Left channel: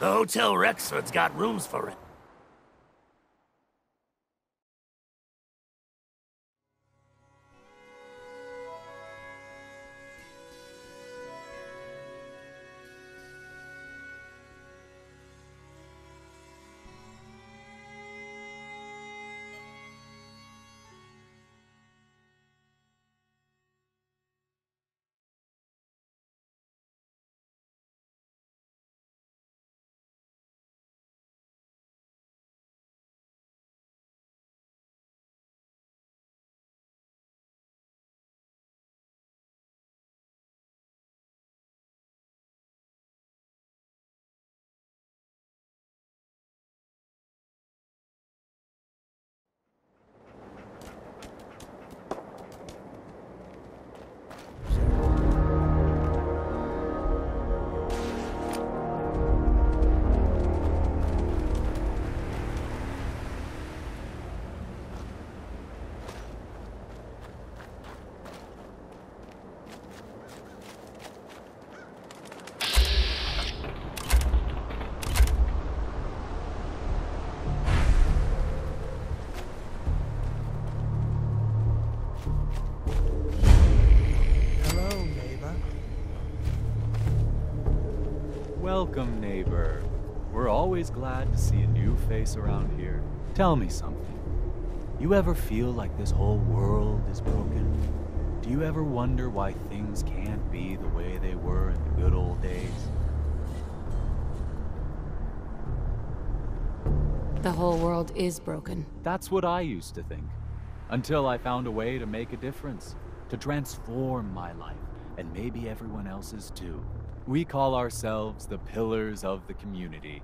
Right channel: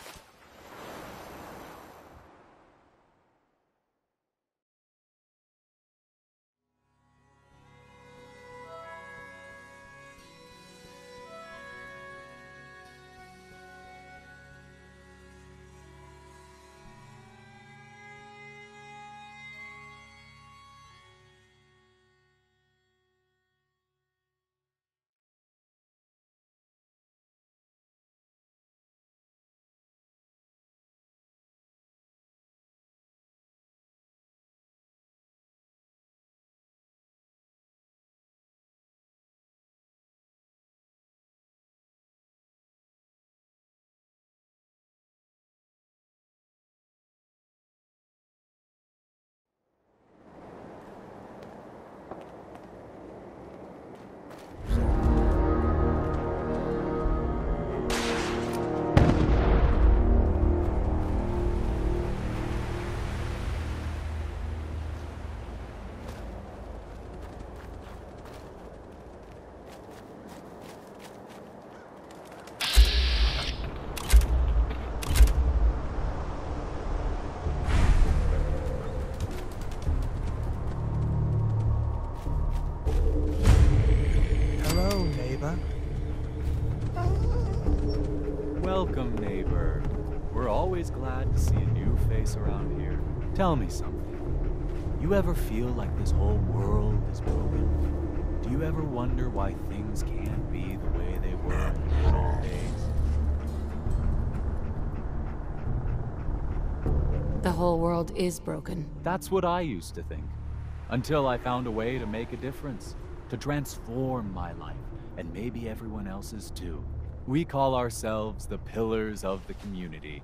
The Hotel Rexford's got rooms for it. Welcome, neighbor. We're always glad to see a new face around here. Tell me something. You ever feel like this whole world is broken? Do you ever wonder why things can't be the way they were in the good old days? The whole world is broken. That's what I used to think. Until I found a way to make a difference. To transform my life, and maybe everyone else's too. We call ourselves the Pillars of the Community.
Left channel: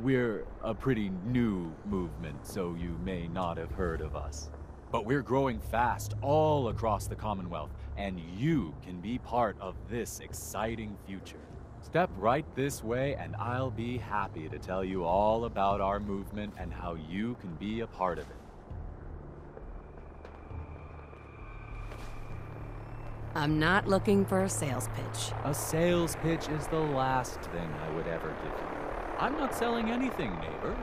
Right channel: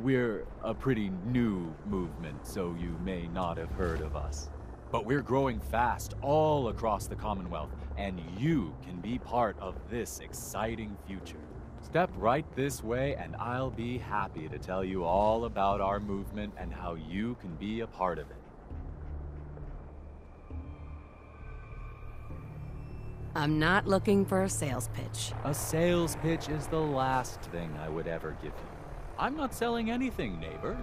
We're a pretty new movement, so you may not have heard of us. But we're growing fast all across the Commonwealth, and you can be part of this exciting future. Step right this way, and I'll be happy to tell you all about our movement and how you can be a part of it. I'm not looking for a sales pitch. A sales pitch is the last thing I would ever give you. I'm not selling anything, neighbor.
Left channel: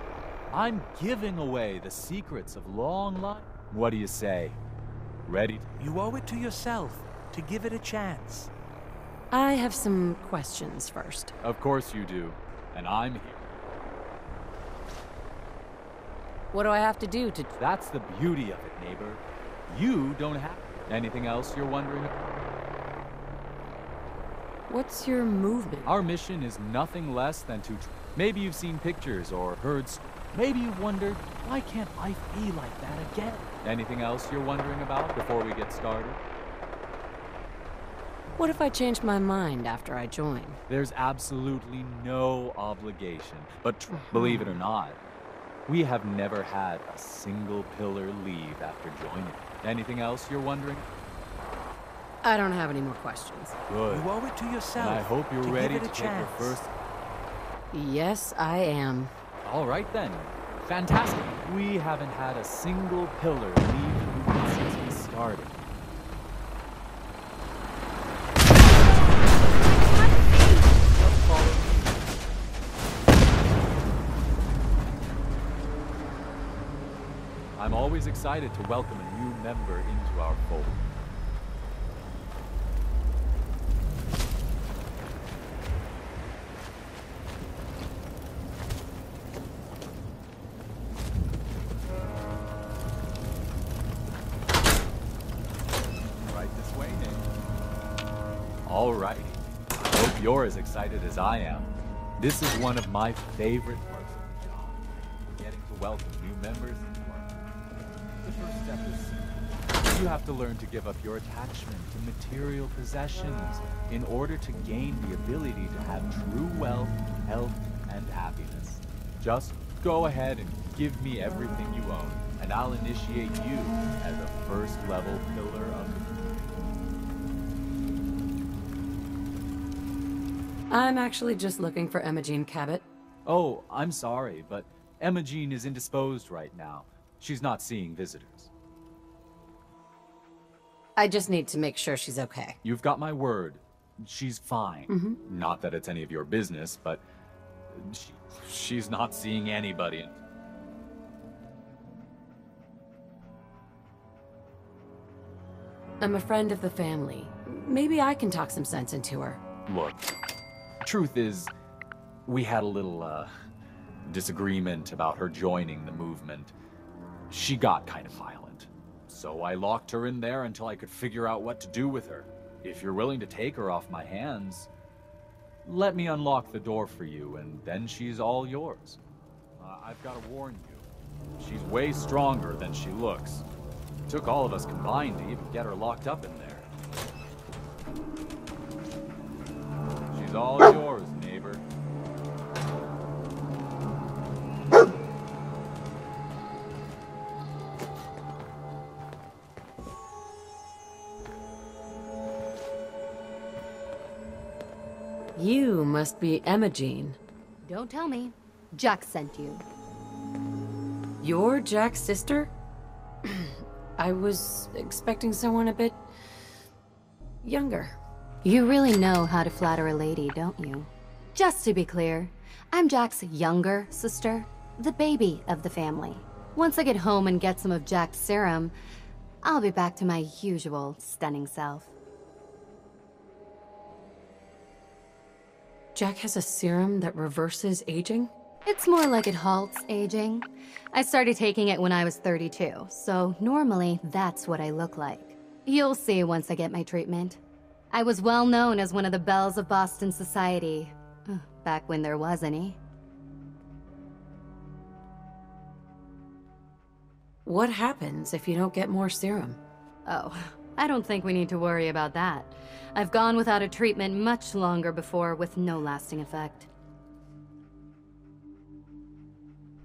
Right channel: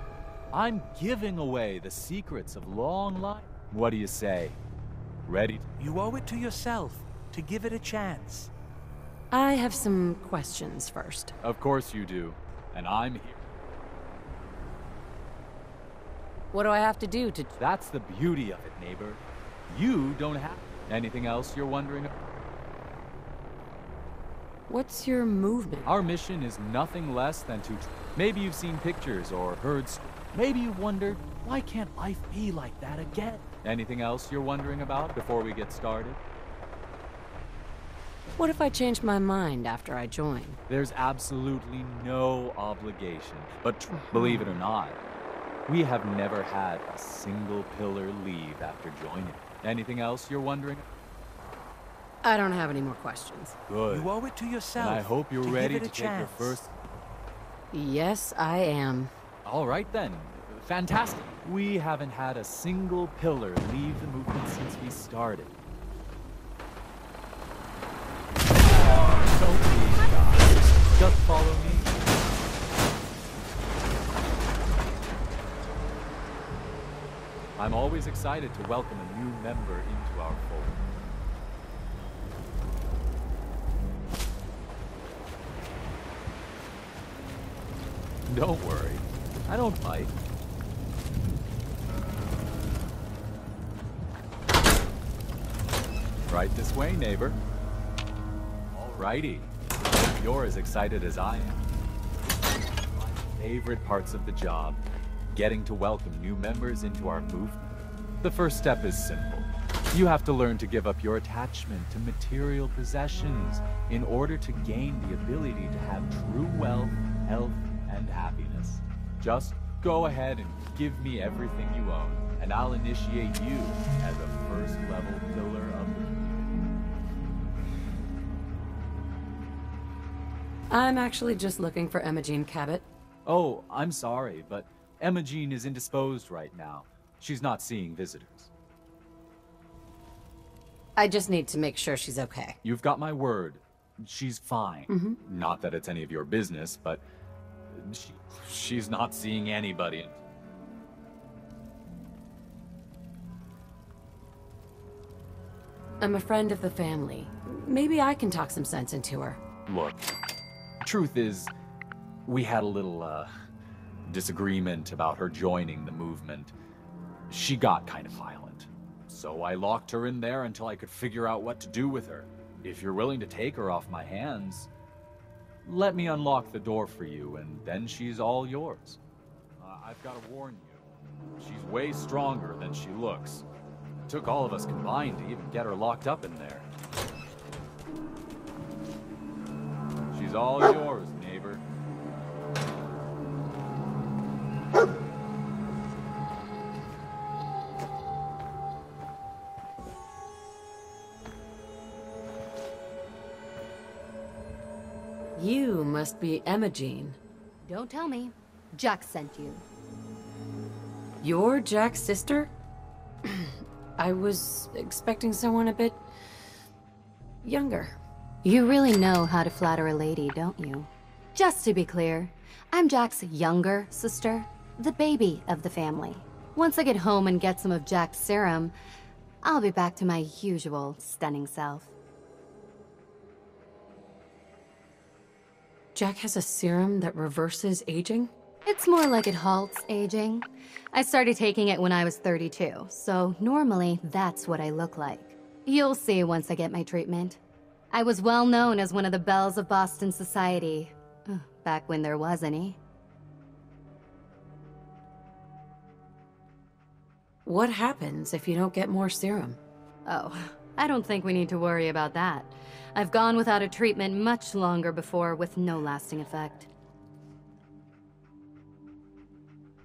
I'm giving away the secrets of long life. What do you say? Ready? You owe it to yourself to give it a chance. I have some questions first. Of course you do. And I'm here. What do I have to do to... That's the beauty of it, neighbor. You don't have... Anything else you're wondering about? What's your movement? Our mission is nothing less than to... Maybe you've seen pictures or heard... Maybe you've wondered, why can't life be like that again? Anything else you're wondering about before we get started? What if I change my mind after I join? There's absolutely no obligation. But believe it or not, we have never had a single pillar leave after joining. Anything else you're wondering? I don't have any more questions. Good. You owe it to yourself. And I hope you're to ready give it to a take your chance. first... Yes, I am. All right then. Fantastic. We haven't had a single pillar leave the movement since we started. Just follow me. I'm always excited to welcome a new member into our fold. Don't worry, I don't bite. Right this way, neighbor. Alrighty. Hope you're as excited as I am. This is one of my favorite parts of the job, getting to welcome new members into our movement. The first step is simple. You have to learn to give up your attachment to material possessions in order to gain the ability to have true wealth, health, and happiness. Just go ahead and give me everything you own, and I'll initiate you as a first-level pillar of the community. I'm actually just looking for Emma Jean Cabot. Oh, I'm sorry, but Emma Jean is indisposed right now. She's not seeing visitors. I just need to make sure she's okay. You've got my word. She's fine. Not that it's any of your business, but She's not seeing anybody. I'm a friend of the family. Maybe I can talk some sense into her. Look, truth is, we had a little, disagreement about her joining the movement. She got kind of violent. So I locked her in there until I could figure out what to do with her. If you're willing to take her off my hands, let me unlock the door for you, and then she's all yours. I've got to warn you, she's way stronger than she looks. It took all of us combined to even get her locked up in there. She's all yours, neighbor. You must be Imogene. Don't tell me. Jack sent you. You're Jack's sister? I was expecting someone a bit... younger. You really know how to flatter a lady, don't you? Just to be clear, I'm Jack's younger sister, the baby of the family. Once I get home and get some of Jack's serum, I'll be back to my usual stunning self. Jack has a serum that reverses aging? It's more like it halts aging. I started taking it when I was 32, so normally that's what I look like. You'll see once I get my treatment. I was well known as one of the belles of Boston society, back when there was any. What happens if you don't get more serum? Oh, I don't think we need to worry about that. I've gone without a treatment much longer before with no lasting effect.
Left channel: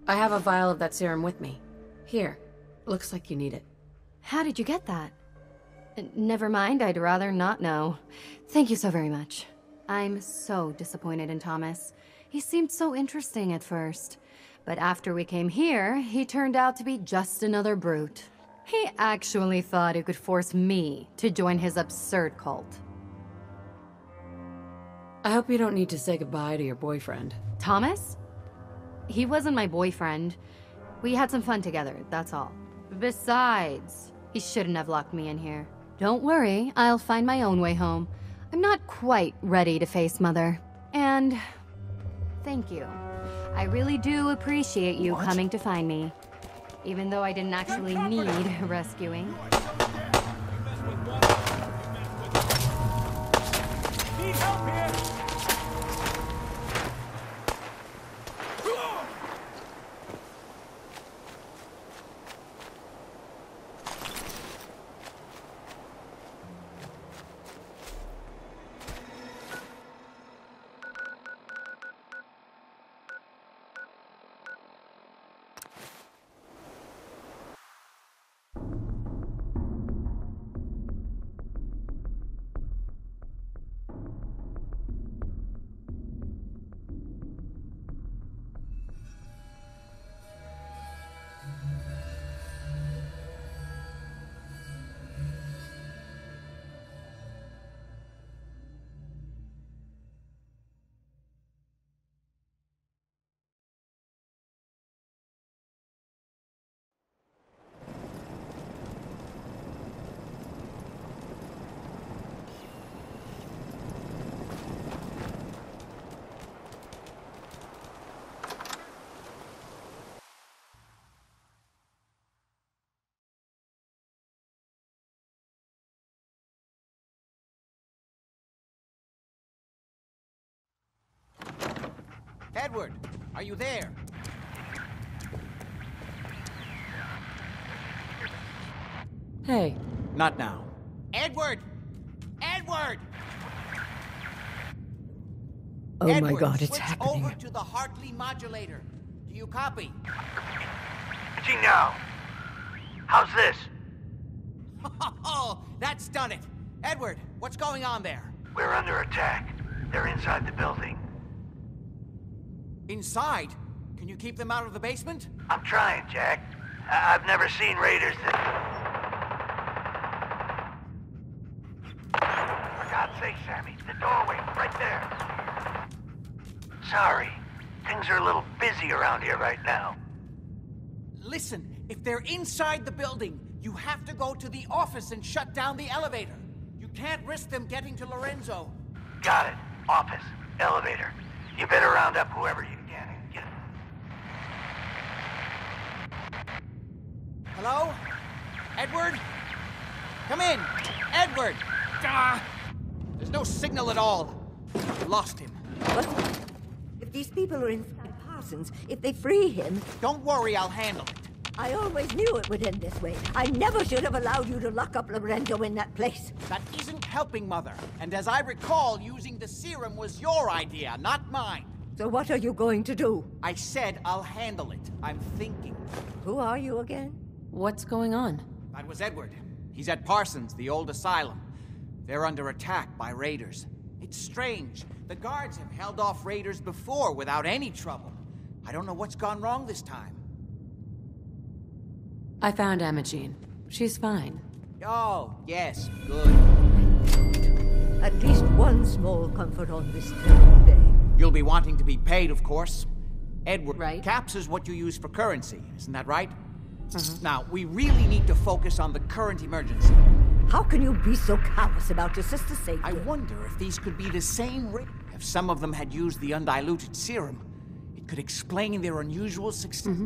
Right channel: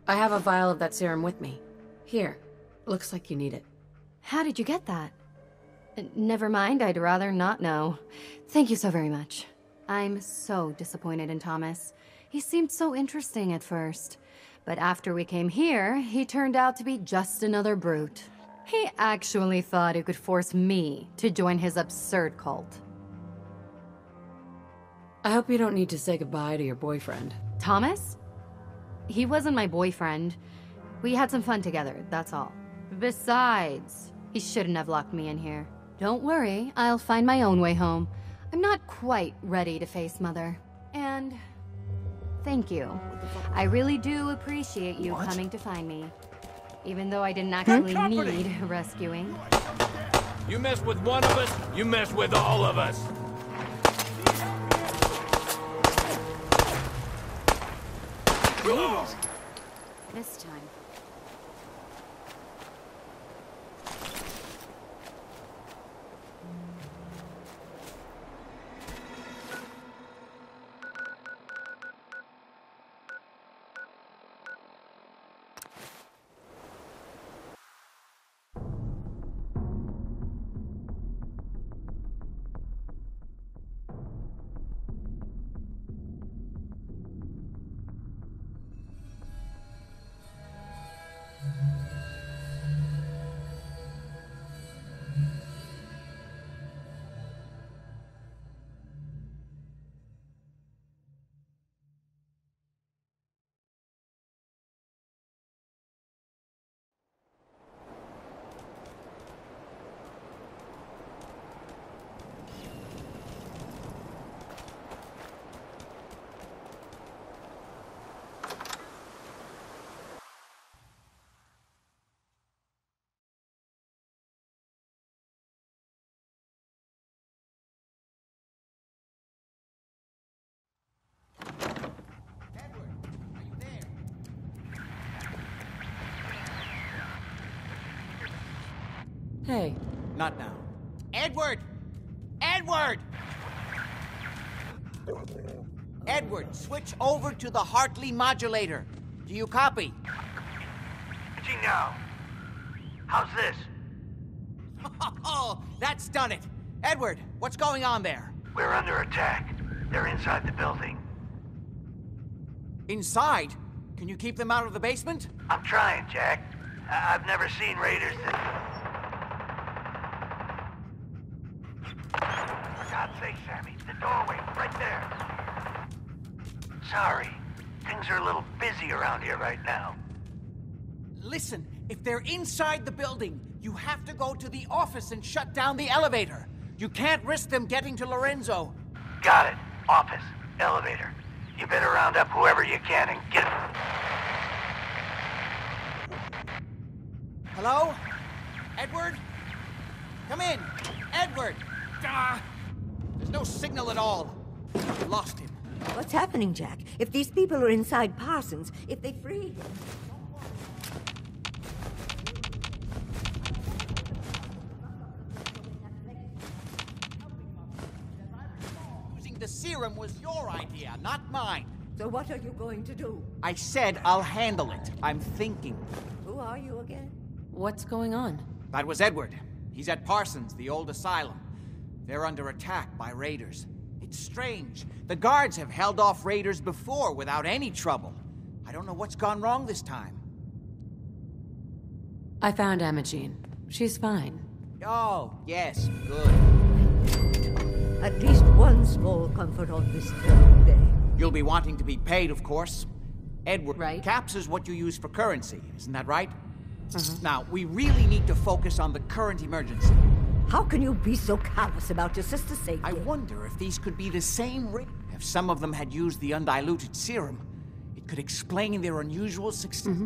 I have a vial of that serum with me. Here. Looks like you need it. How did you get that? Never mind, I'd rather not know. Thank you so very much. I'm so disappointed in Thomas. He seemed so interesting at first. But after we came here, he turned out to be just another brute. He actually thought he could force me to join his absurd cult. I hope you don't need to say goodbye to your boyfriend. Thomas? He wasn't my boyfriend. We had some fun together, that's all. Besides, he shouldn't have locked me in here. Don't worry, I'll find my own way home. I'm not quite ready to face Mother. And thank you. I really do appreciate you coming to find me. Even though I didn't actually need rescuing. You mess with one of us, you mess with all of us. Need help here? This time. Edward, are you there? Hey. Not now. Edward! Edward! Oh Edward, my God, it's switch happening. over to the Hartley modulator. Do you copy? Gee, now. How's this? Oh, that's done it. Edward, what's going on there? We're under attack. They're inside the building. Inside? Can you keep them out of the basement? I'm trying, Jack. I've never seen raiders that... For God's sake, Sammy, the doorway, right there. Sorry. Things are a little busy around here right now. Listen, if they're inside the building, you have to go to the office and shut down the elevator. You can't risk them getting to Lorenzo. Got it. Office. Elevator. You better round up whoever you can and get... Hello? Edward? Come in! Edward! Ah! There's no signal at all. Lost him. What's happening, Jack? If these people are inside Parsons, if they free him... Don't worry, I'll handle it. I always knew it would end this way. I never should have allowed you to lock up Lorenzo in that place. That isn't helping, Mother. And as I recall, using the serum was your idea, not mine. So what are you going to do? I said I'll handle it. I'm thinking. Who are you again? What's going on? That was Edward. He's at Parsons, the old asylum. They're under attack by raiders. It's strange. The guards have held off raiders before without any trouble. I don't know what's gone wrong this time. I found Imogene. She's fine. Oh, yes, good. At least one small comfort on this terrible day. You'll be wanting to be paid, of course. Edward, Right. caps is what you use for currency, isn't that right? Now, we really need to focus on the current emergency. How can you be so callous about your sister's safety? I wonder if these could be the same raiders. If some of them had used the undiluted serum, it could explain their unusual success.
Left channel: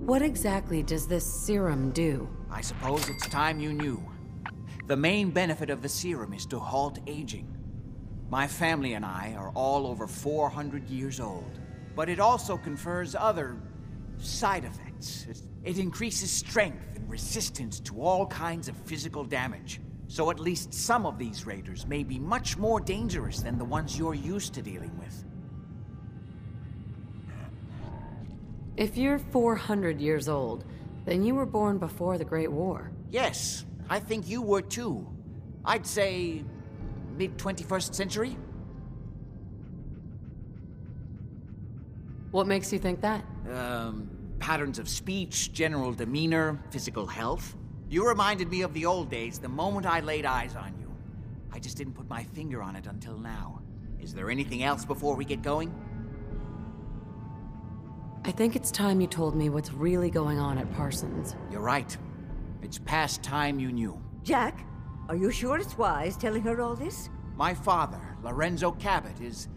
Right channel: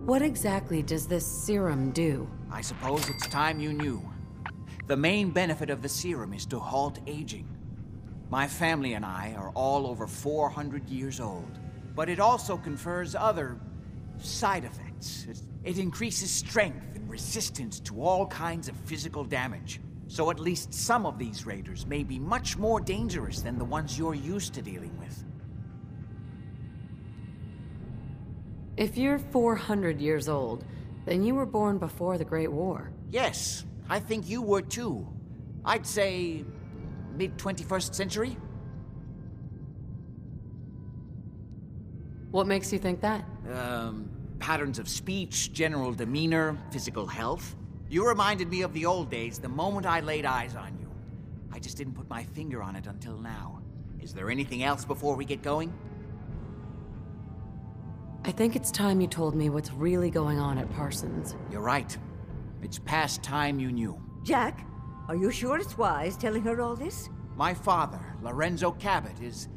What exactly does this serum do? I suppose it's time you knew. The main benefit of the serum is to halt aging. My family and I are all over 400 years old. But it also confers other side effects. It increases strength and resistance to all kinds of physical damage. So at least some of these raiders may be much more dangerous than the ones you're used to dealing with. If you're 400 years old, then you were born before the Great War. Yes, I think you were too. I'd say mid-21st century? What makes you think that? Patterns of speech, general demeanor, physical health. You reminded me of the old days the moment I laid eyes on you. I just didn't put my finger on it until now. Is there anything else before we get going? I think it's time you told me what's really going on at Parsons. You're right. It's past time you knew. Jack, are you sure it's wise telling her all this? My father, Lorenzo Cabot, is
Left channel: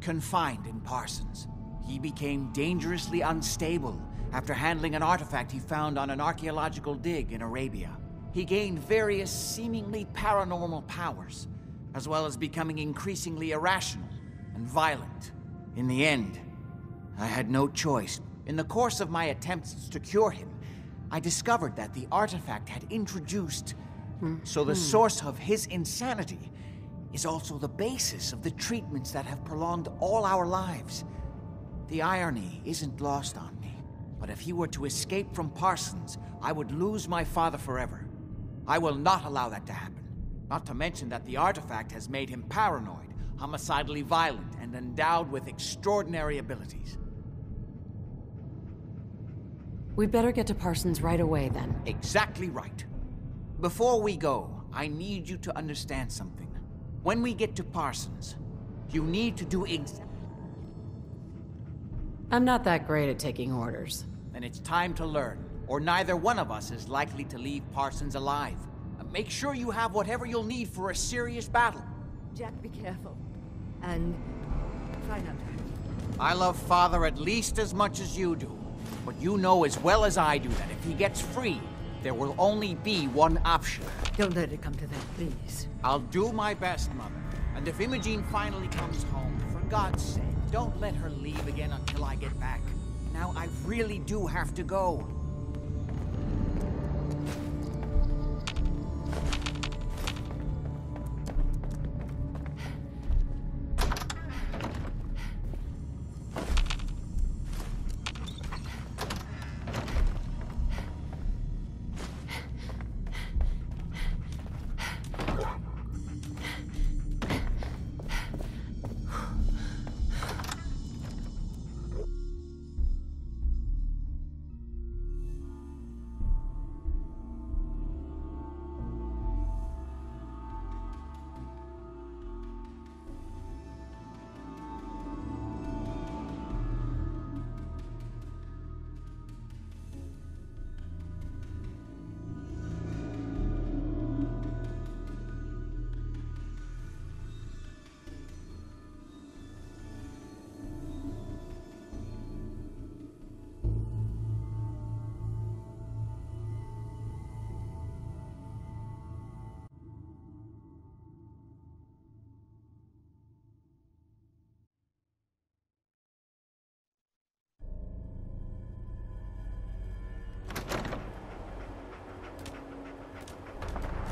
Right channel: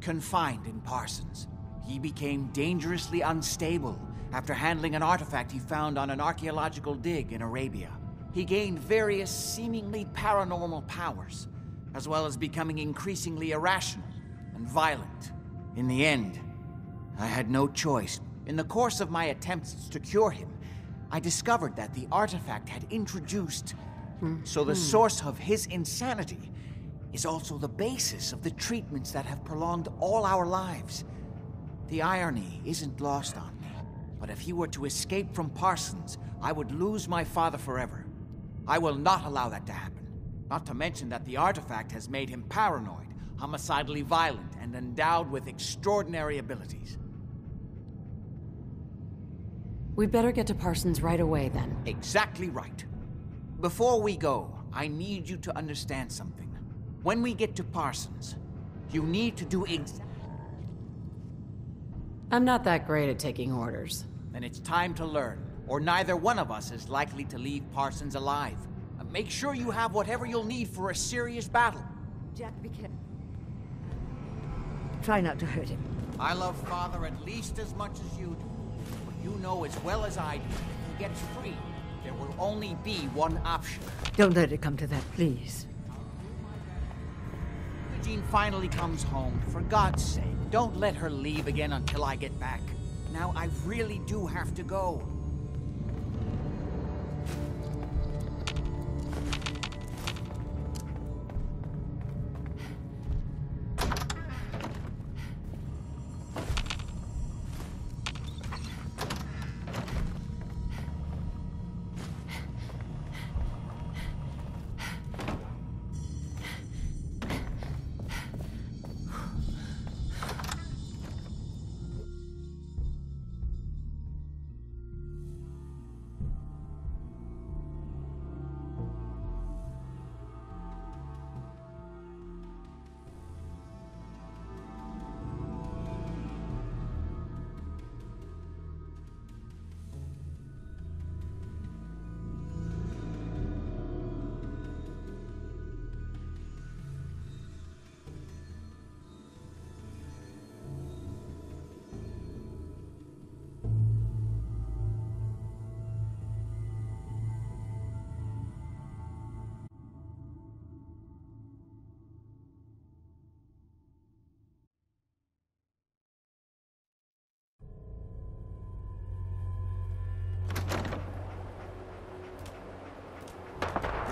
confined in Parsons. He became dangerously unstable after handling an artifact he found on an archaeological dig in Arabia. He gained various seemingly paranormal powers, as well as becoming increasingly irrational and violent. In the end, I had no choice. In the course of my attempts to cure him, I discovered that the artifact had introduced... So the source of his insanity is also the basis of the treatments that have prolonged all our lives. The irony isn't lost on me, but if he were to escape from Parsons, I would lose my father forever. I will not allow that to happen. Not to mention that the artifact has made him paranoid, homicidally violent, and endowed with extraordinary abilities. We'd better get to Parsons right away, then. Exactly right. Before we go, I need you to understand something. When we get to Parsons, you need to do I'm not that great at taking orders. Then it's time to learn, or neither one of us is likely to leave Parsons alive. Make sure you have whatever you'll need for a serious battle. Jack, be careful. And try not to hurt him. I love Father at least as much as you do. But you know as well as I do that if he gets free, there will only be one option. Don't let it come to that, please. I'll do my best, Mother. And if Imogene finally comes home, for God's sake, don't let her leave again until I get back. Now, I really do have to go.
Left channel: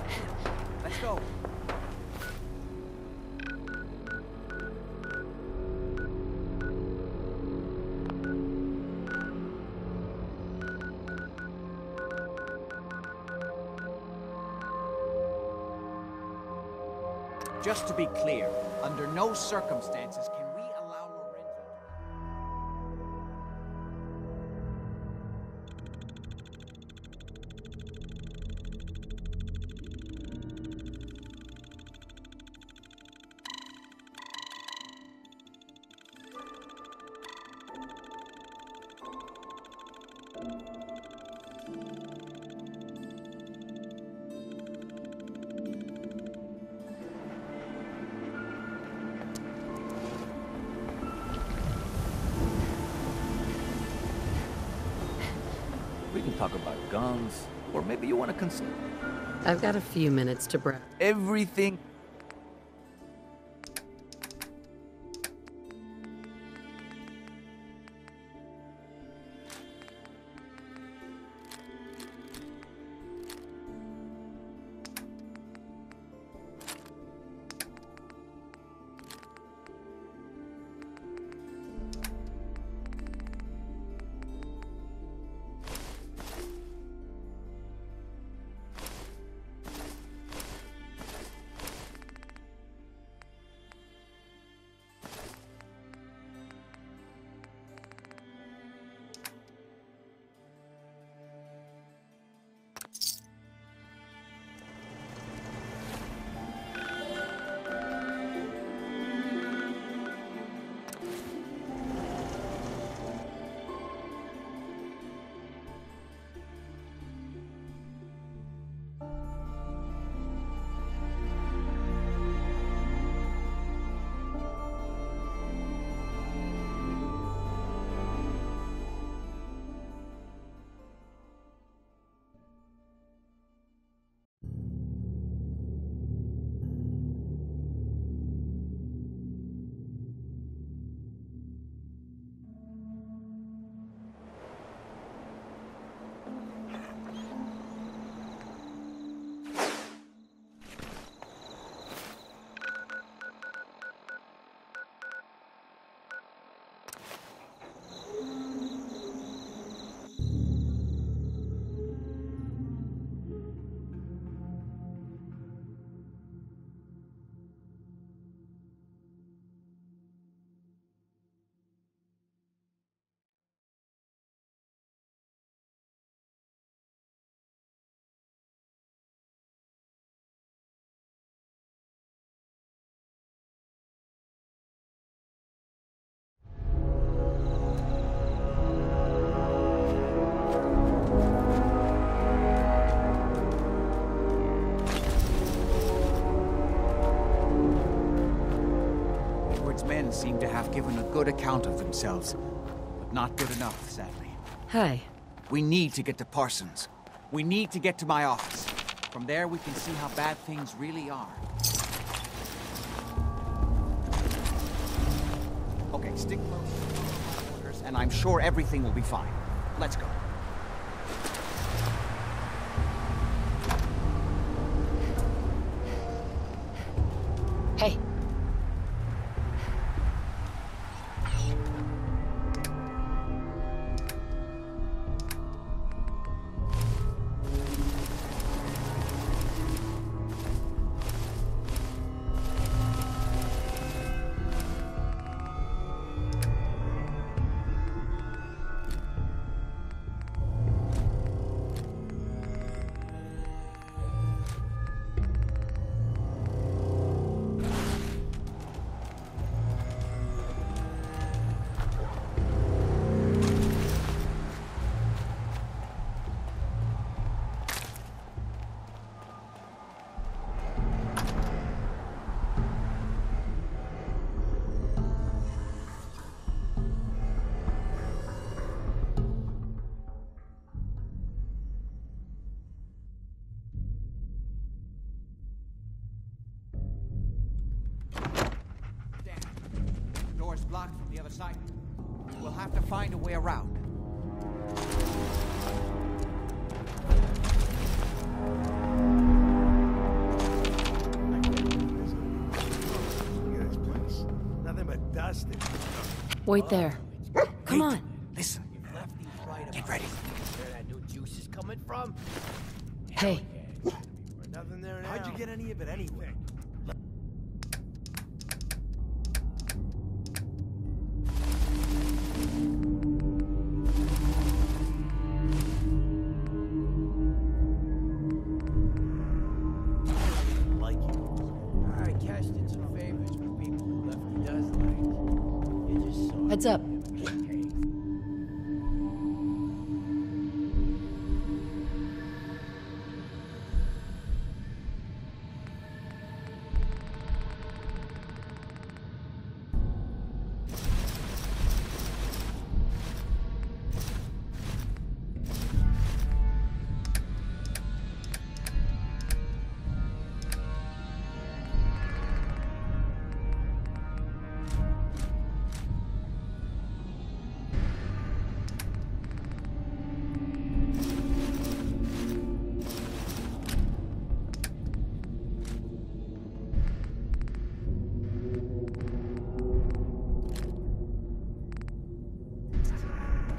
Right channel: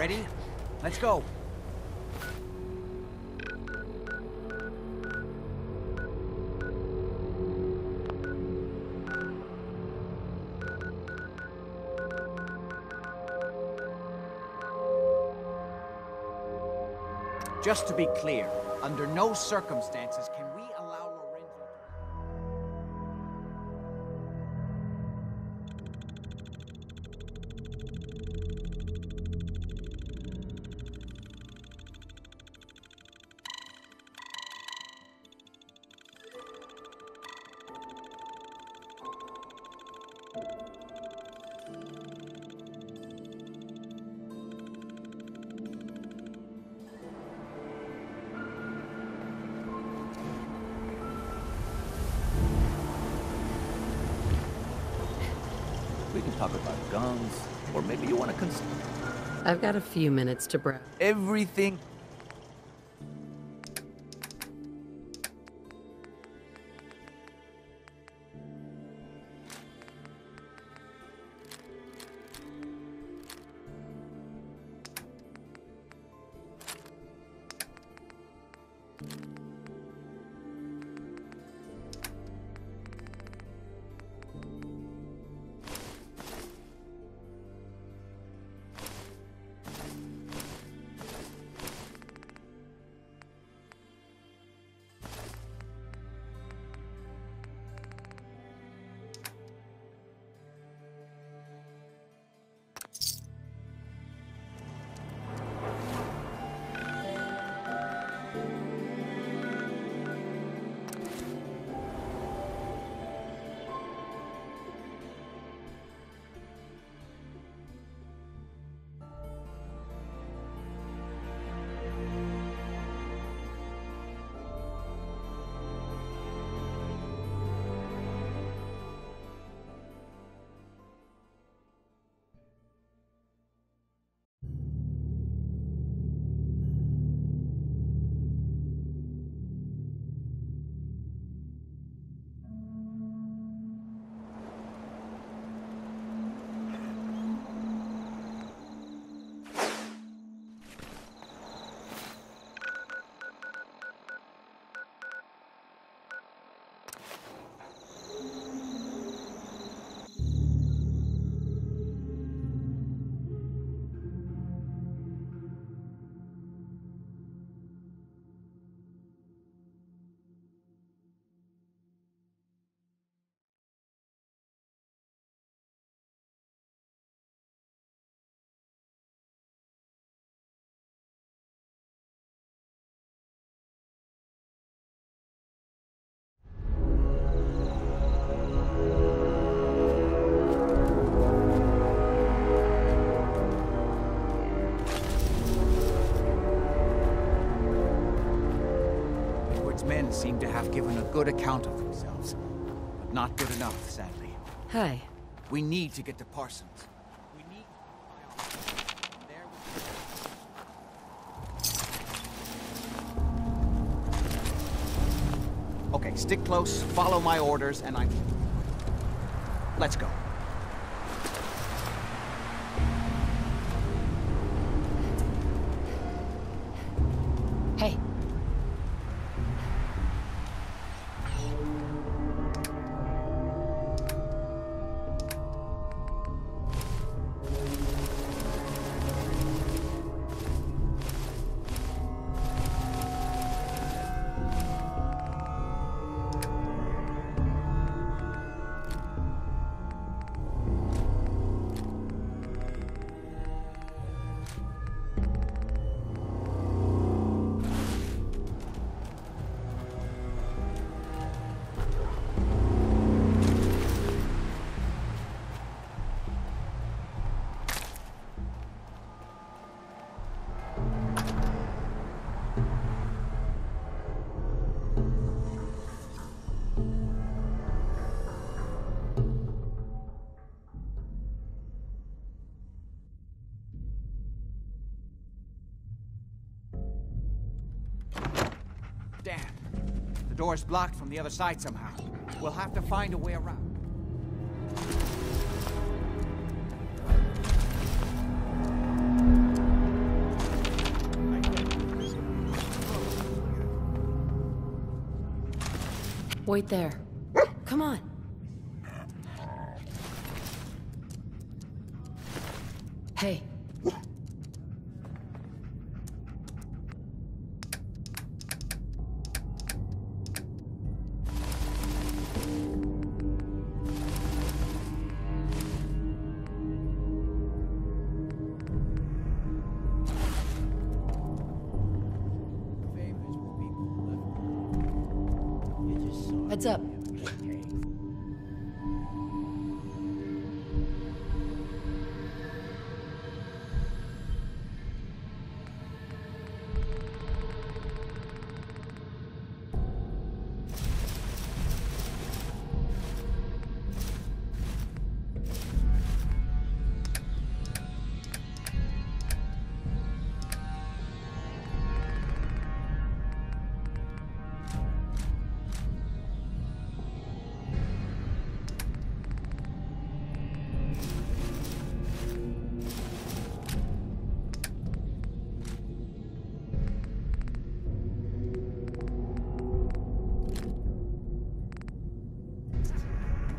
Ready? Let's go. Just to be clear, under no circumstances can we allow Lorenzo to... We can talk about guns, or maybe you want to consider I've got a few minutes to browse. everything. Edward's men seem to have given a good account of themselves, but not good enough, sadly. Hi. We need to get to Parsons. We need to get to my office. From there, we can see how bad things really are. Okay, stick close, follow my orders, and I'm sure everything will be fine. Let's go. Hey. Damn. The door's blocked from the other side somehow. We'll have to find a way around. Wait there. Come on. Listen. Get ready. Hey. How'd you get any of it anyway? Heads up.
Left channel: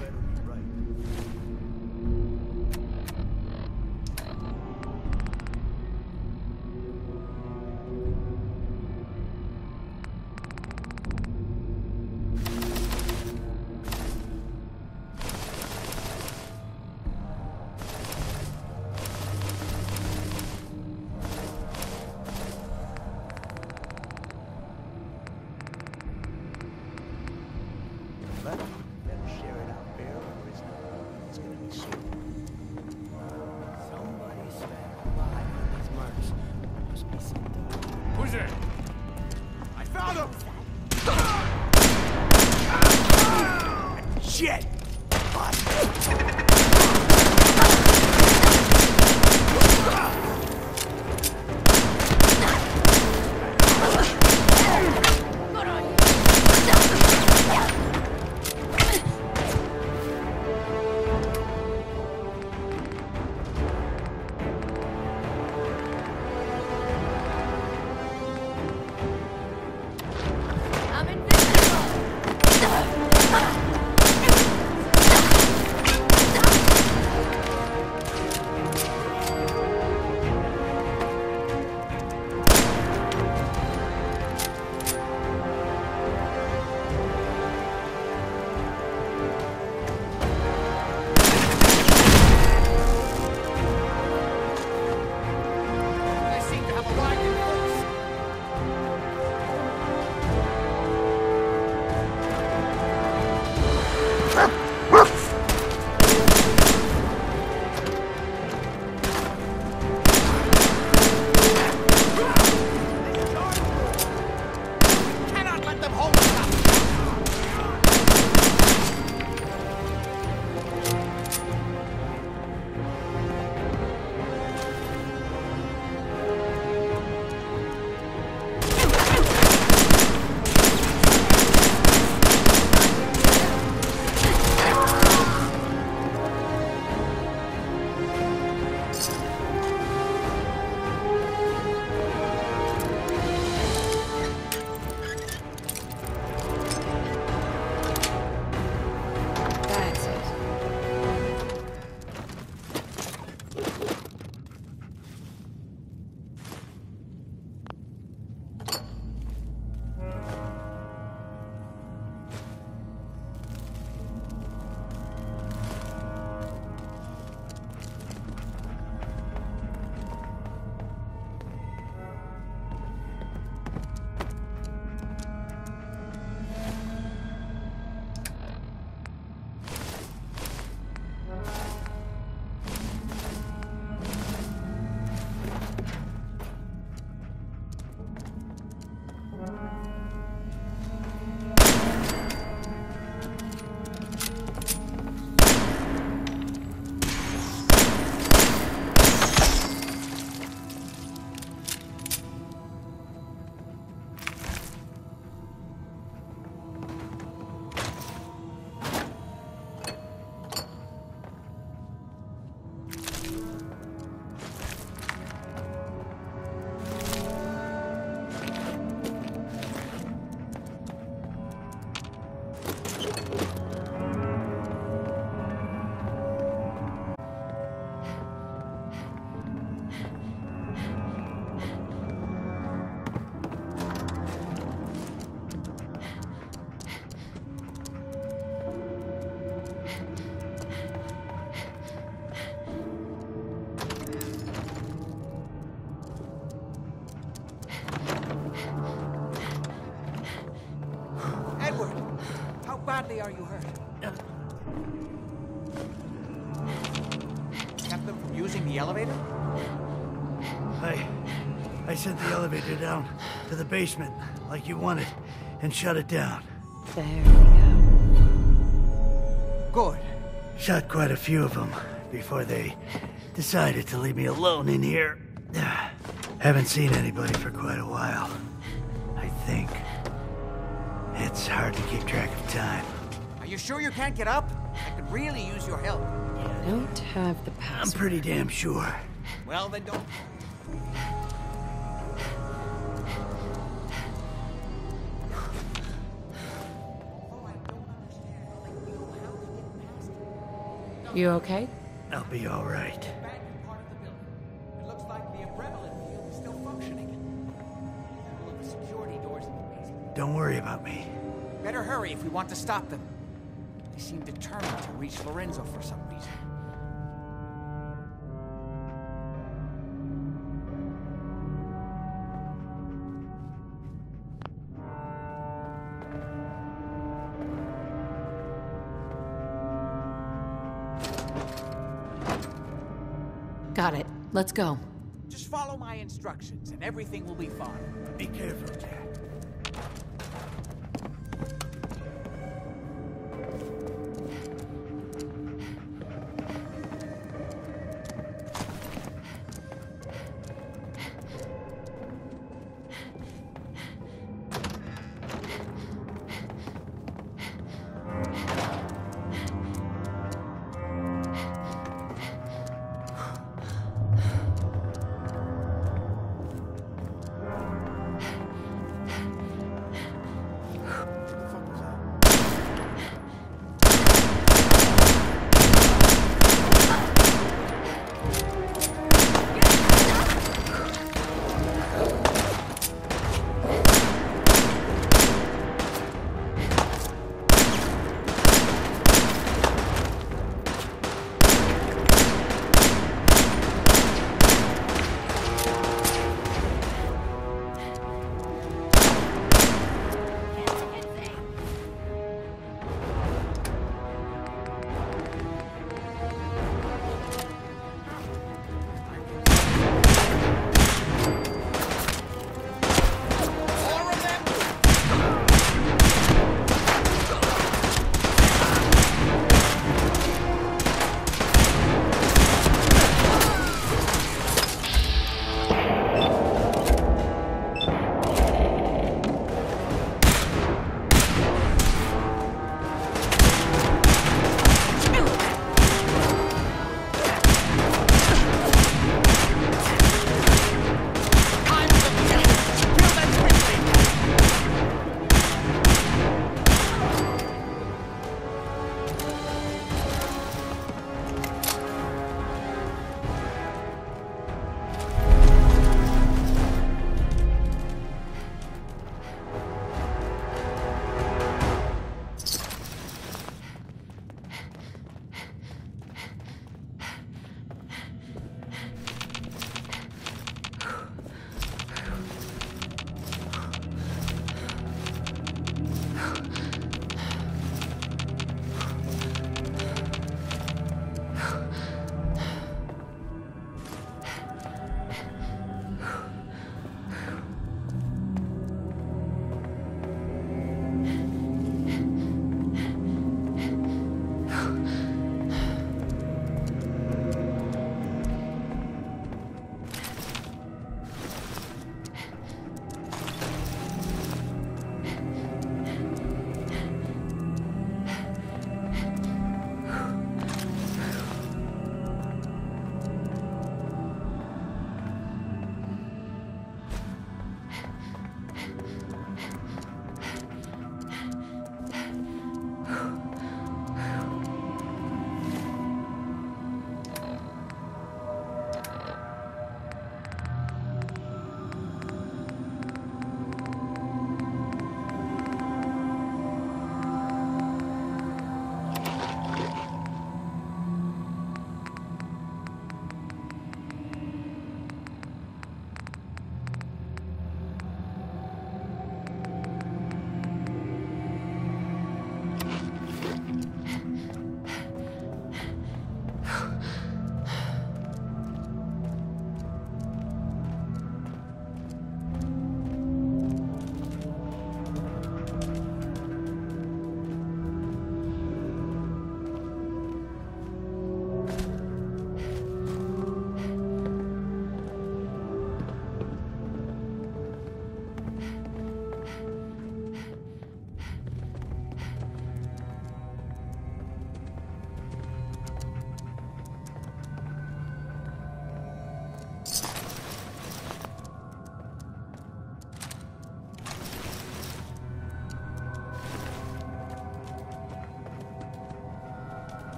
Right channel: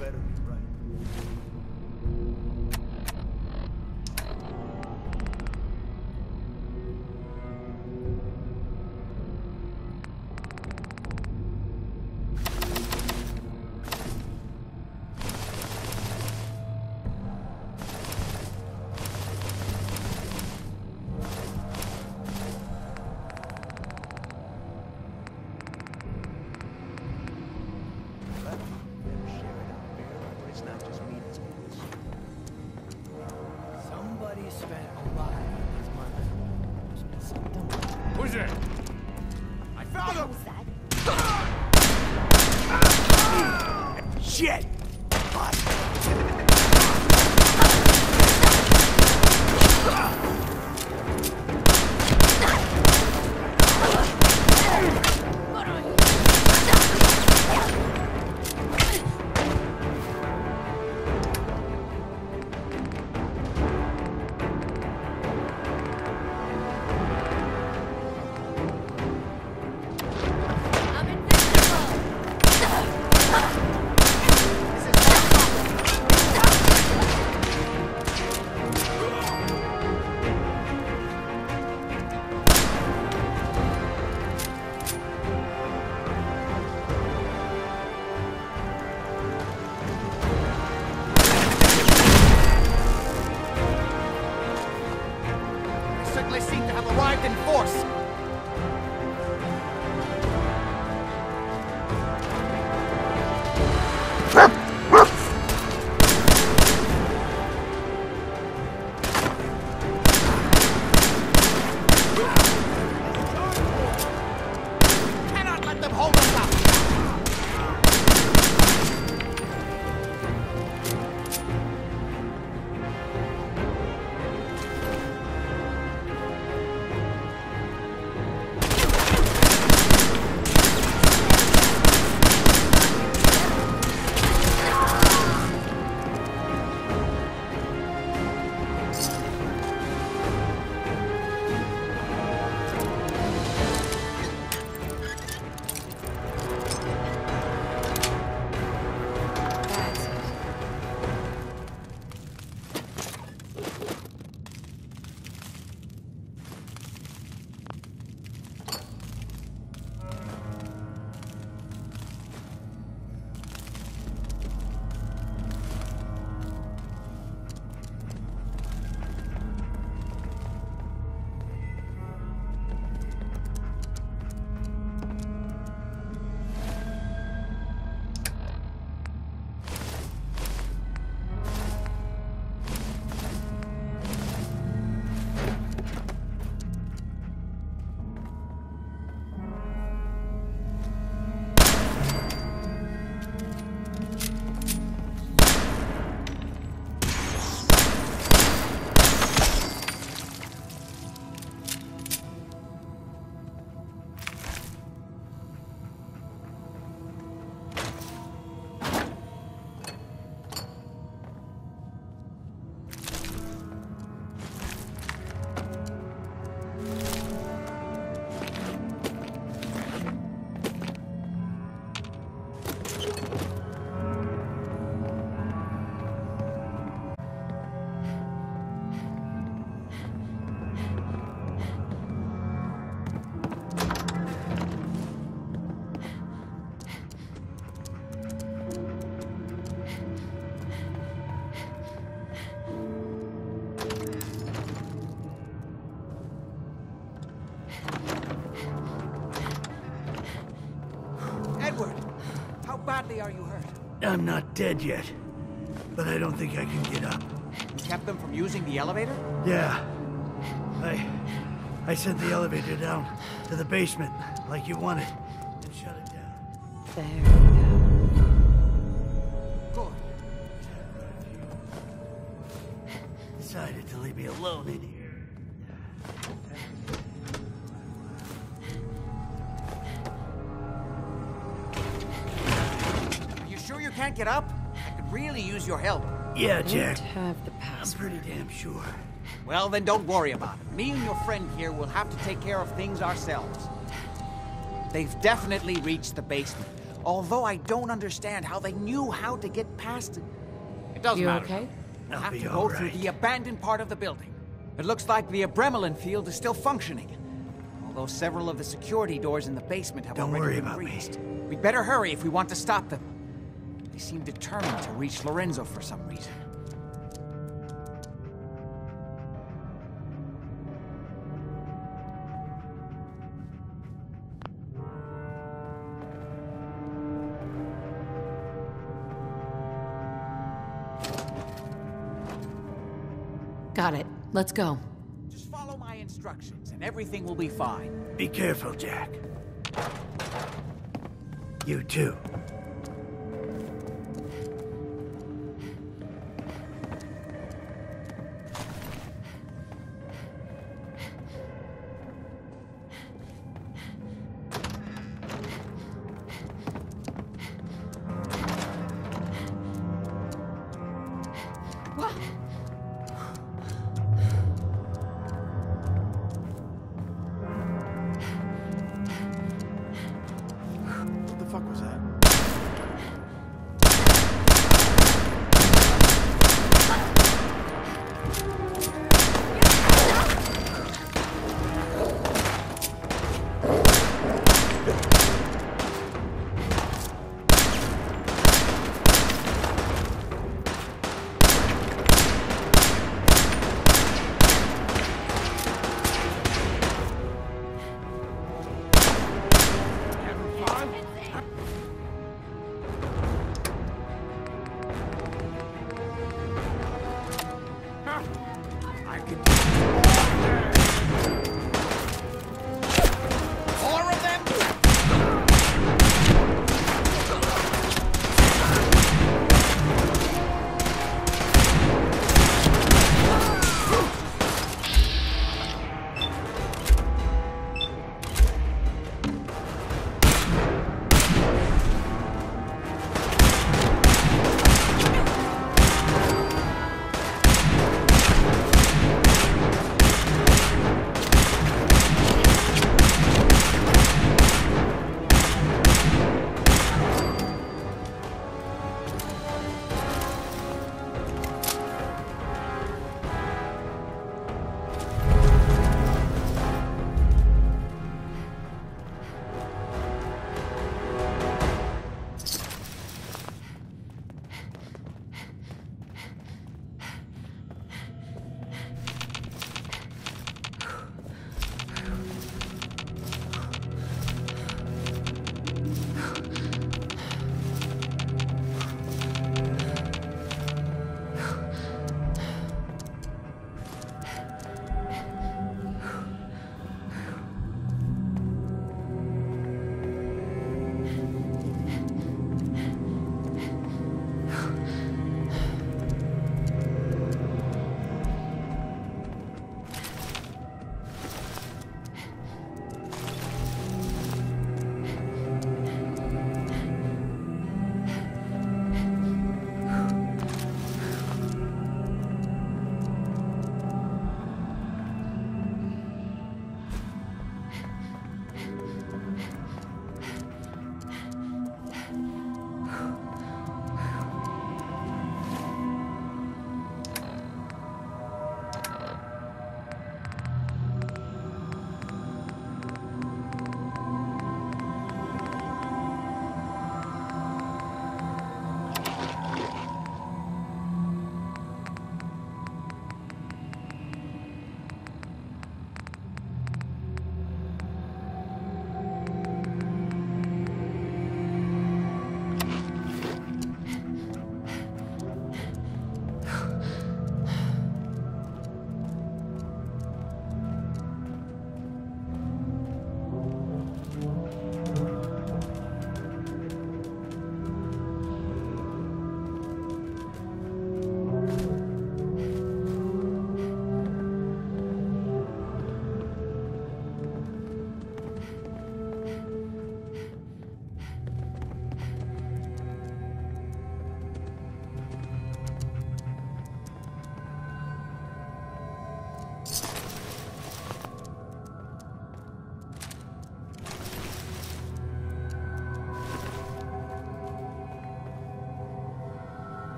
Better be right. Lucky, better share it out fair, or it's not just me that's gonna be sick. Somebody spent a lot on these murders. Must be something. Who's there? I found him! Shit! I'm invincible! badly are you hurt? I'm not dead yet, but I don't think I can get up. You kept them from using the elevator? Yeah. I sent the elevator down to the basement, like you wanted, and shut it down. There we go. Good. Shot quite a few of them before they decided to leave me alone in here. Haven't seen anybody for quite a while, I think. It's hard to keep track of time. Are you sure you can't get up? I could really use your help. Yeah, I Jack. don't have the I'm password. pretty damn sure. Well, then don't worry about it. Me and your friend here will have to take care of things ourselves. They've definitely reached the basement, although I don't understand how they knew how to get past it. It doesn't You matter. okay? We'll I'll have be to all go right. through the abandoned part of the building. It looks like the Abremelin field is still functioning, although several of the security doors in the basement have Don't already worry been about me. breached. We'd better hurry if we want to stop them. They seem determined to reach Lorenzo for some reason. Got it. Let's go. Just follow my instructions and everything will be fine. Be careful, Jack. You too. What the fuck was that?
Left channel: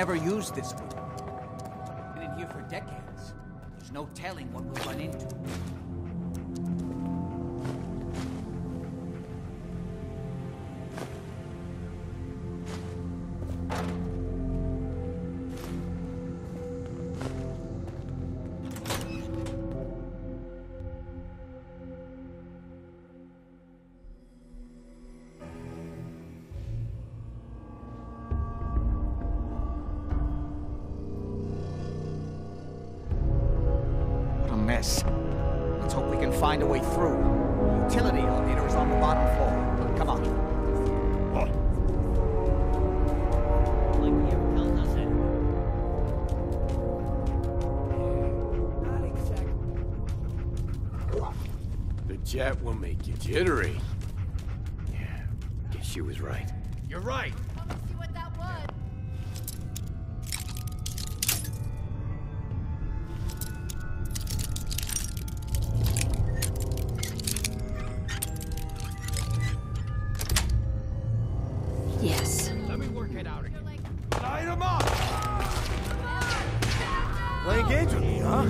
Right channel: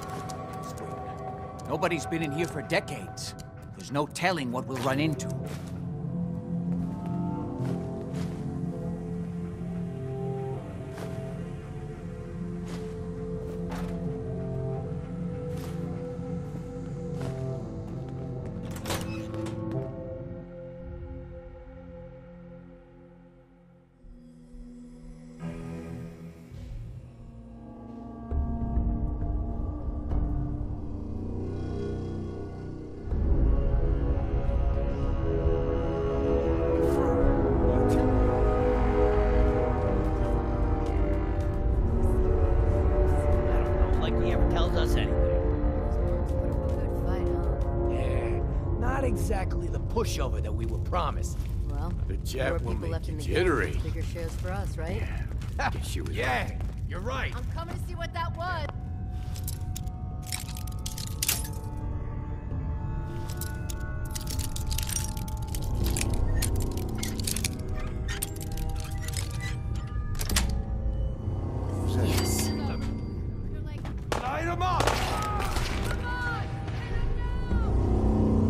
never used this wing. Nobody's been in here for decades. There's no telling what we'll run into. Let's hope we can find a way through. The utility elevator's on the bottom floor. Come on. I don't know, like he ever tells us anything. Yeah, not exactly the pushover that we were promised. Well, The jet will make you jittery. bigger shares for us, right? Guess she was right. You're right. I'm coming to see what that was. Yes. Let me work it out again. Light him up! Playing games with me, huh?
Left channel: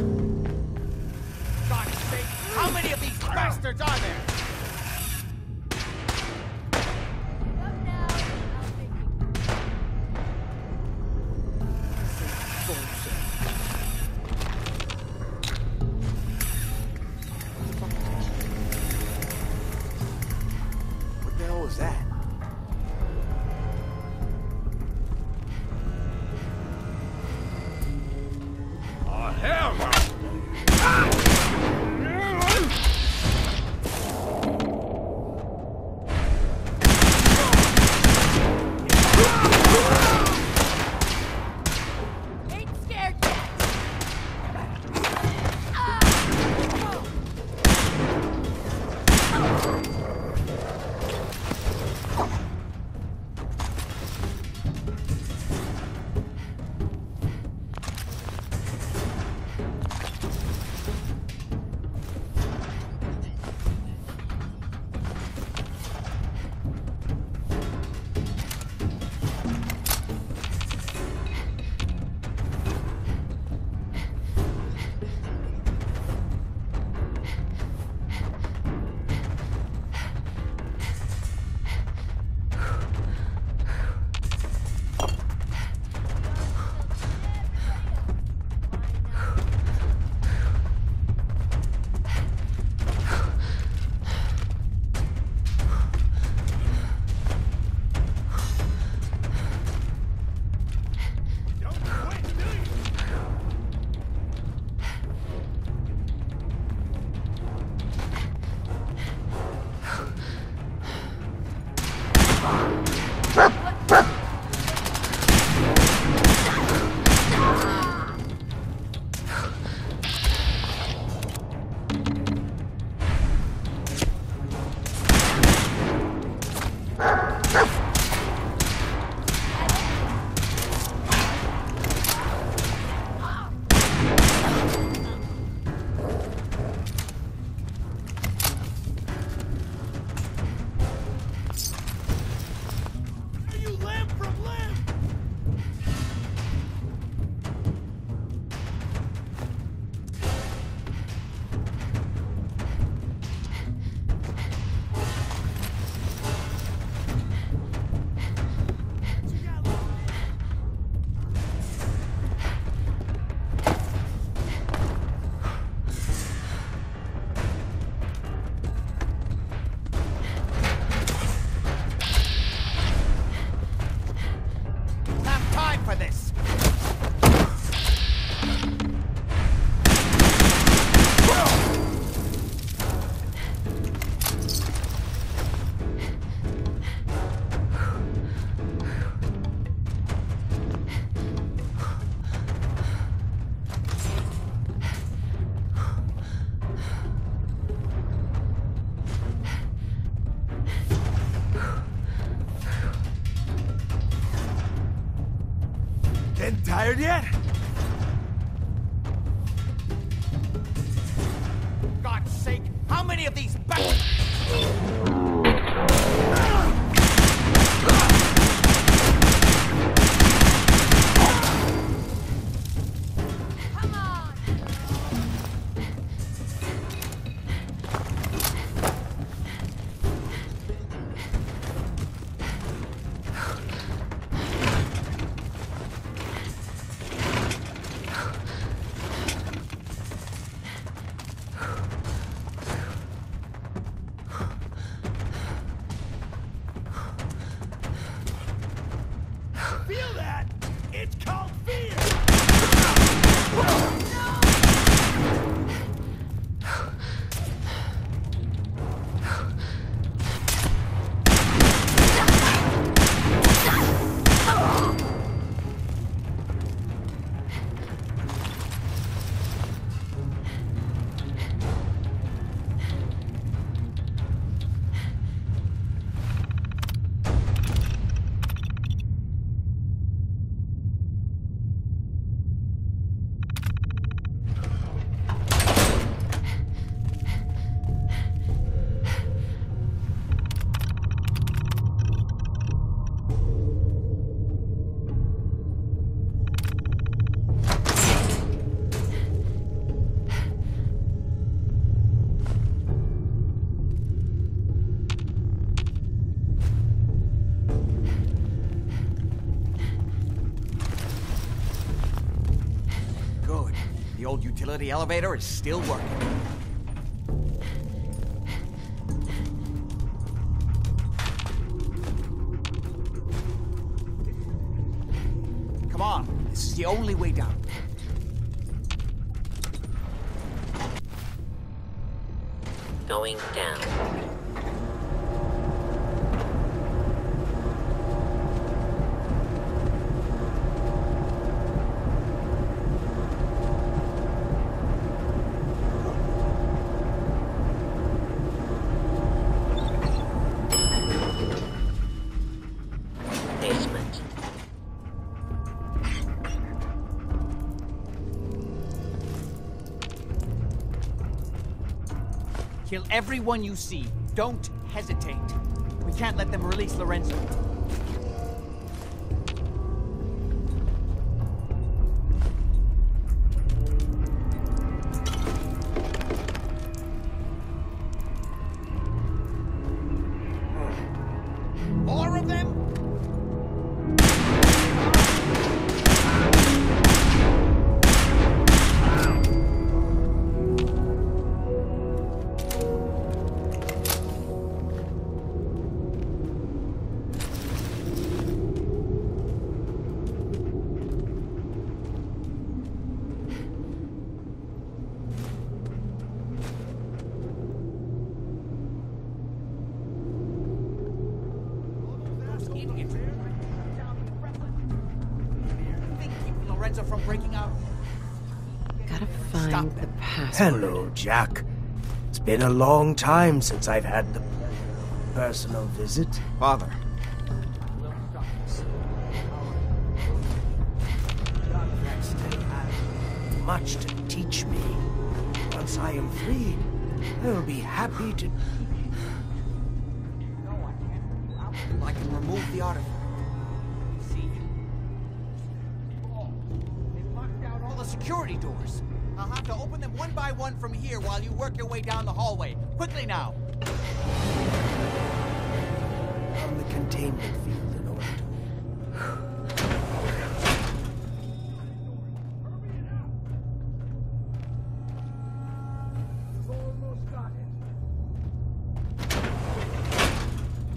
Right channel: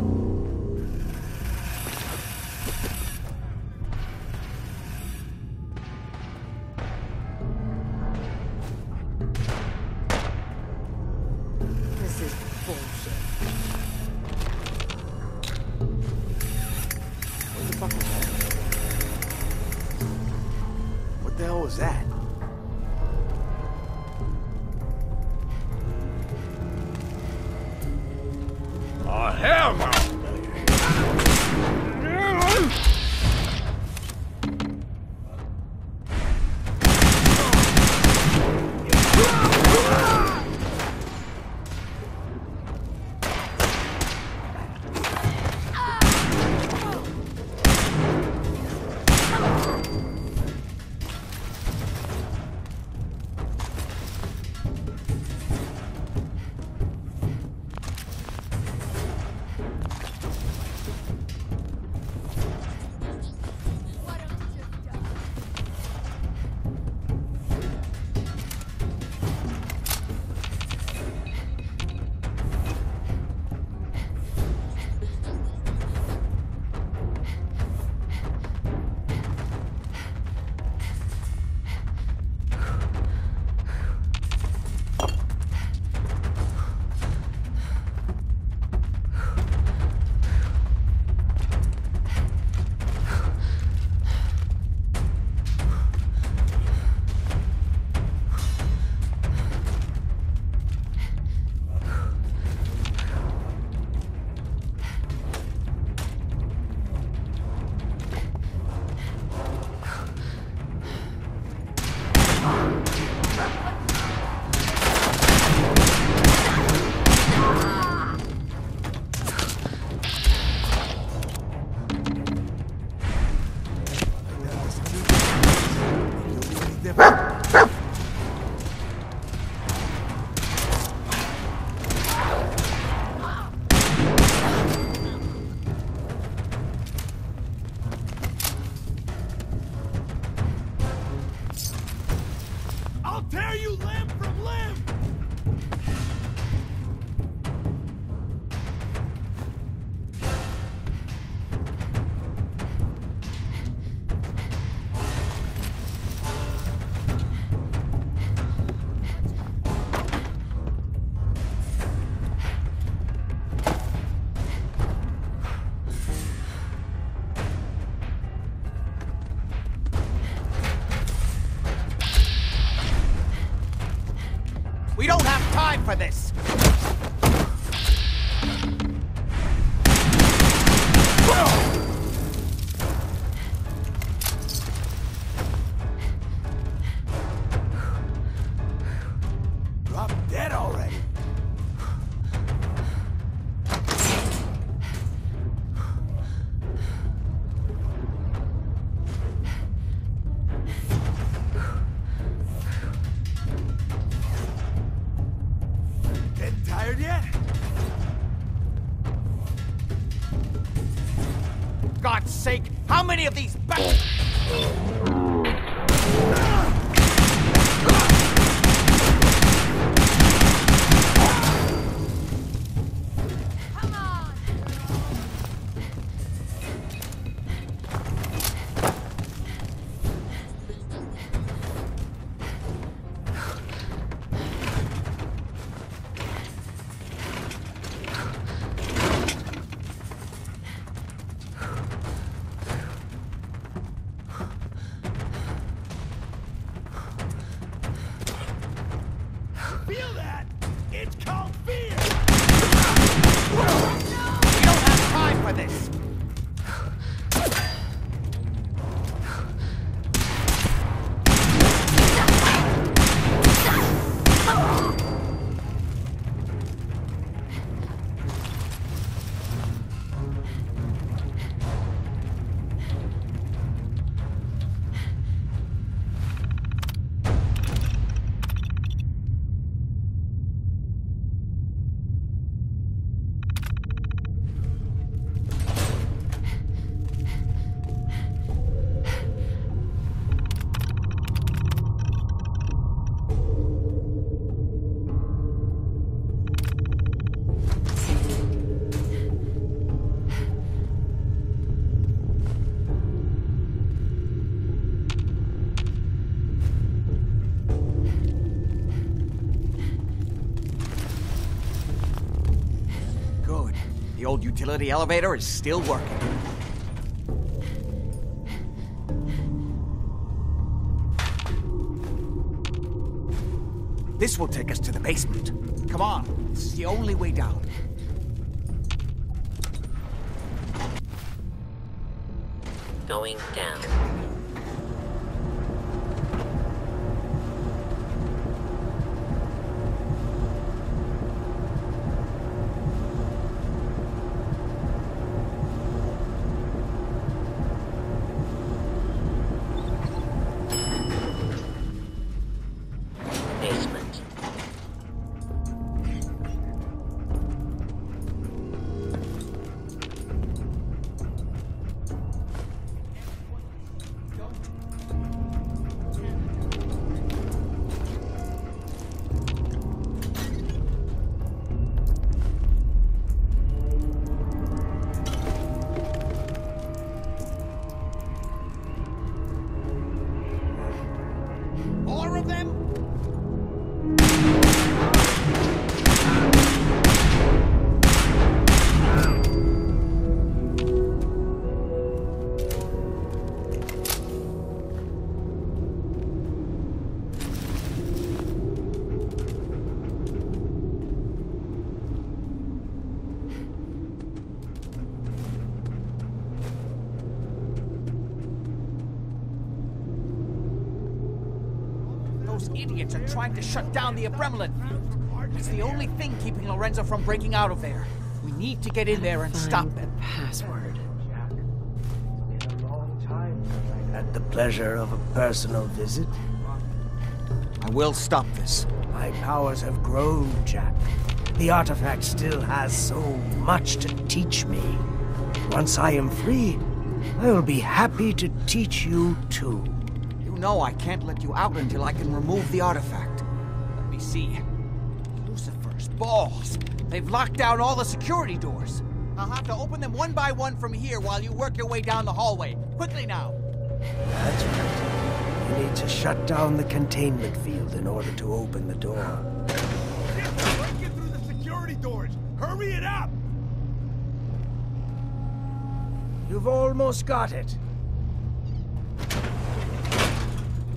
How many of these bastards are there? This is bullshit. What the fuck is that? What the hell was that? Oh, hell no! We don't have time for this! Drop dead already. Getting tired yet? God's sake, how many of these bastards? Good. The old utility elevator is still working. This will take us to the basement. Come on, this is the only way down. Going down. Basement. Kill everyone you see. Don't hesitate. We can't let them release Lorenzo. More of them? Those idiots are trying to shut down the Abremlin field. It's the only thing keeping Lorenzo from breaking out of there. We need to get in there and stop them. Hello, Jack. It's been a long time since I've had the pleasure of a personal visit. Father, I will stop this. My powers have grown, Jack. The artifact still has so much to teach me. Once I am free, I will be happy to teach you too. You know I can't let you out until I can remove the artifact. Let me see. Lucifer's balls. They've locked down all the security doors. I'll have to open them one by one from here while you work your way down the hallway. Quickly now. That's right. You need to shut down the containment field in order to open the door. Get through the security doors. Hurry it up! You've almost got it.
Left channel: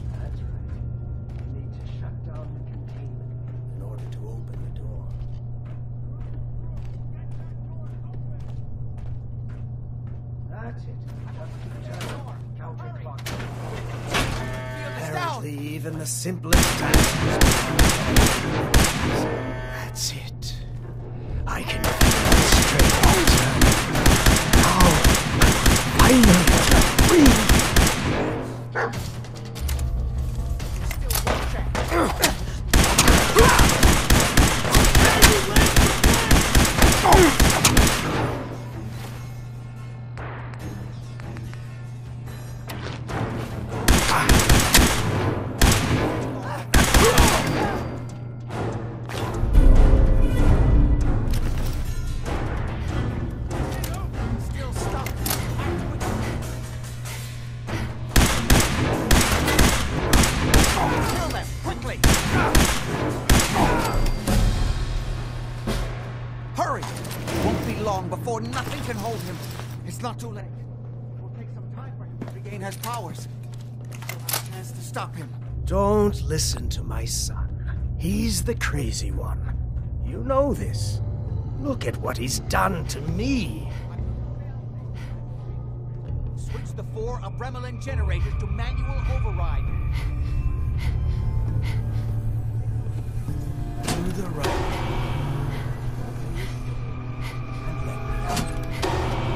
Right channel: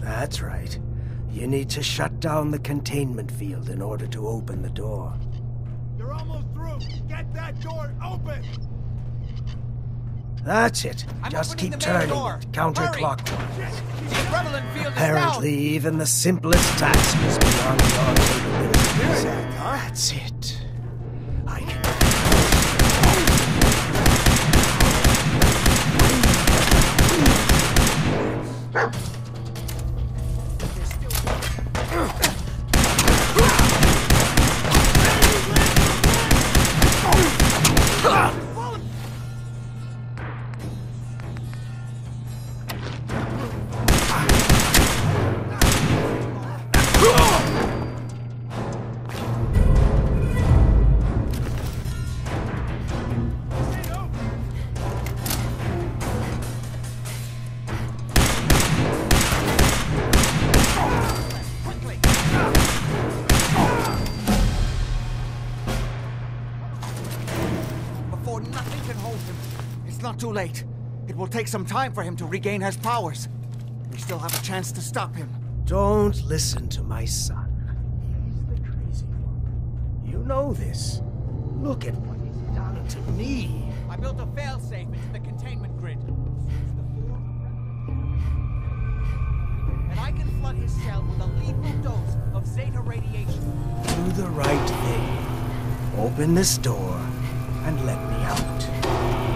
That's right. You need to shut down the containment field in order to open the door. You're almost through. Get that door open! That's it. I'm Just opening keep the main turning. door. Counterclockwise. Prevalent field is Apparently, down. even the simplest task is beyond your capabilities. That's it. I can feel my strength. Now, finally, Quickly! Hurry! It won't be long before nothing can hold him. It's not too late. It will take some time for him to regain his powers. We still have a chance to stop him. don't listen to my son. He's the crazy one. You know this. Look at what he's done to me. I built a failsafe into the containment grid. Switched the 4 Abremlin generators to manual override, and I can flood his cell with a lethal dose of Zeta radiation. Do the right thing. Open this door and let me out.